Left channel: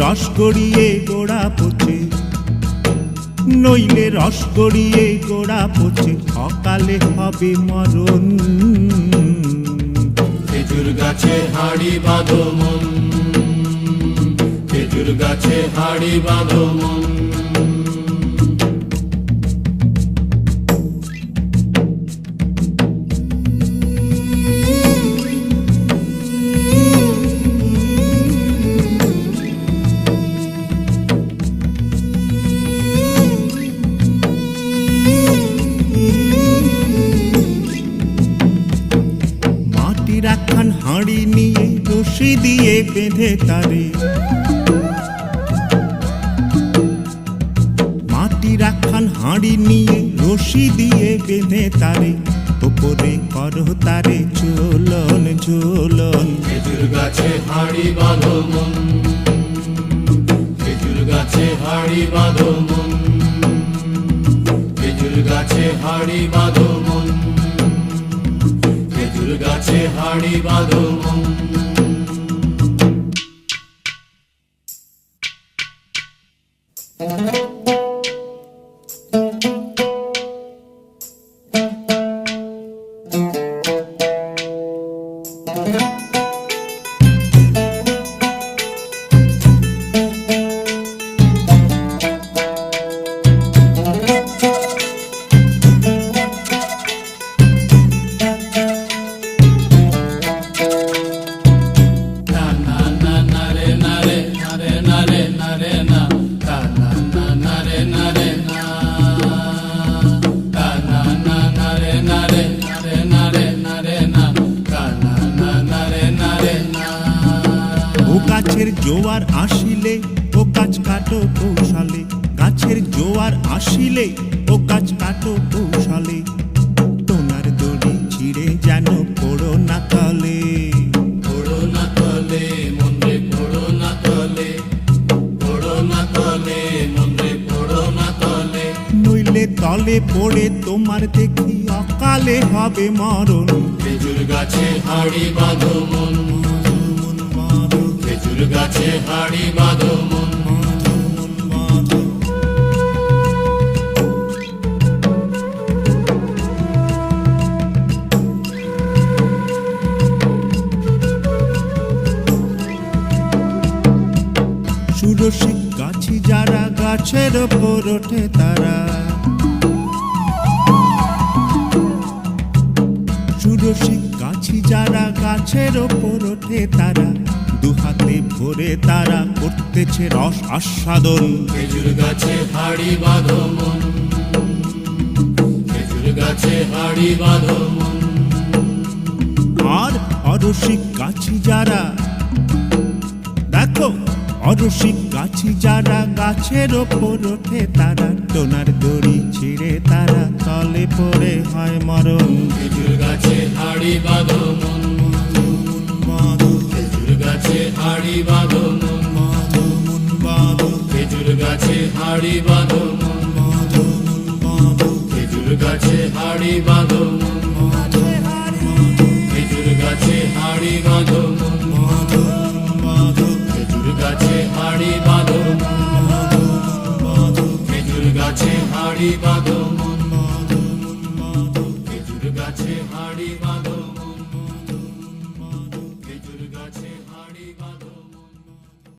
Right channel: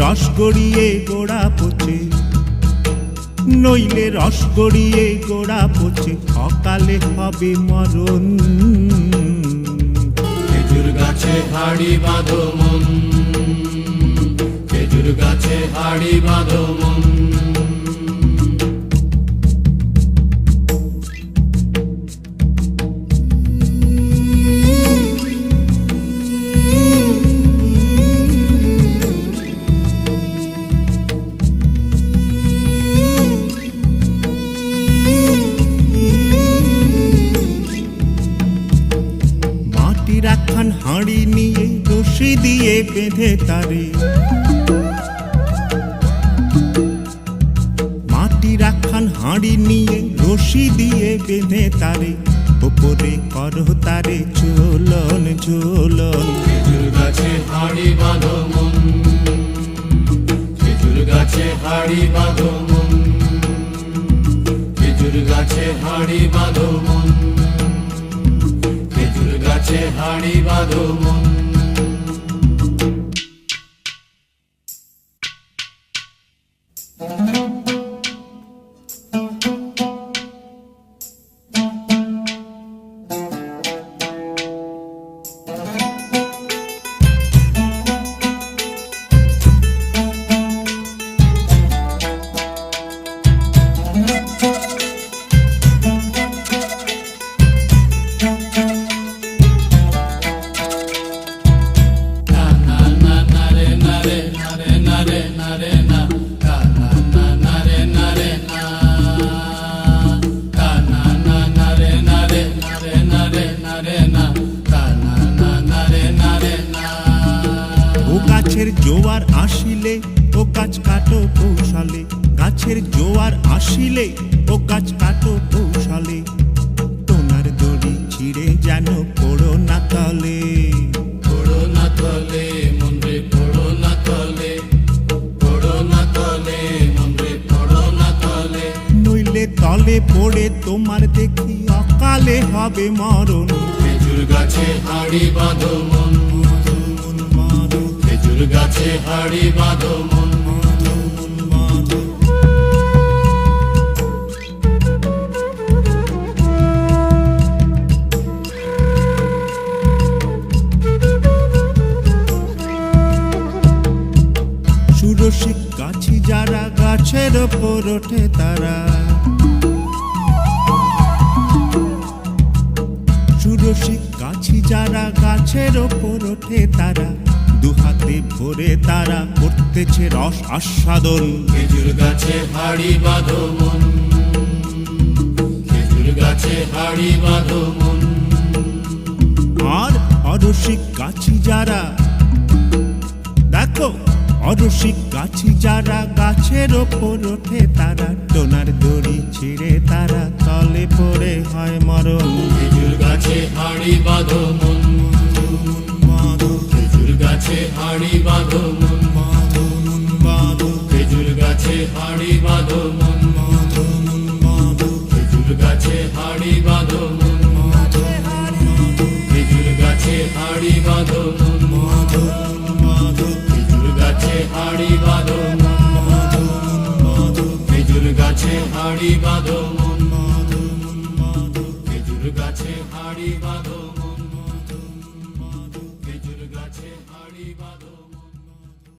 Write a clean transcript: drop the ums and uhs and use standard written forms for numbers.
রস গড়িয়ে গোড়া পচে, নইলে রস গড়িয়ে গোড়া পচে, অকালে হবে মরণ। খেজুর গাছে হাড়ি বাঁধো মন, খেজুর গাছে হাড়ি বাঁধো মন। মাটির একখান হাঁড়ি নিয়ে রশি দিয়ে বেঁধে তারে, মাটির একখান হাঁড়ি নিয়ে রশি দিয়ে বেঁধে তারে, ওপরে করো তারে ঝোলন ঝোলন। খেজুর গাছে হাড়ি বাঁধো মন, খেজুর গাছে হাড়ি বাঁধো মন, খেজুর গাছে হাড়ি বাঁধো মন, খেজুর গাছে হাড়ি বাঁধো মন। ও গাছের জোয়ার আসিলে ও গাছ কাটো কৌশলে, গাছের জোয়ার আসিলে ও গাছ কাটো কৌশলে, তোমার দড়ি ছিঁড়ে যেন পড়ো না তলে। পড়ো না তলে মন রে, পড়ো না তলে, পড়ো না তলে মন রে, পড়ো না তলে। নইলে তলে পড়ে তোমার দেখি অকালে হবে মরণ। খেজুর গাছে হাড়ি বাঁধো মন, খেজুর গাছে হাড়ি বাঁধো মন। সুরসিক গাছি যারা গাছের ওপর ওঠে তারা, সুরসিক গাছি যারা গাছের ওপর ওঠে তারা, দুহাতে ভরে তারা করতেছে রস আস্বাদন। খেজুর গাছে হাড়ি বাঁধো মন, খেজুর গাছে হাড়ি বাঁধো মন। আর অরসিক গাছি যারা, দেখো অরসিক গাছি যারা গাছের ওপর ওঠে তারা, টোনার দড়ি ছিঁড়ে তারা তলে পড়ে হয় মরণ। খেজুর গাছে হাড়ি বাঁধো মন, খেজুর গাছে হাড়ি বাঁধো মন, খেজুর গাছে হাড়ি বাঁধো মন, খেজুর গাছে হাড়ি বাঁধো মন, খেজুর গাছে হাড়ি বাঁধো মন, খেজুর গাছে হাড়ি বাঁধো মন, খেজুর গাছে হাড়ি বাঁধো।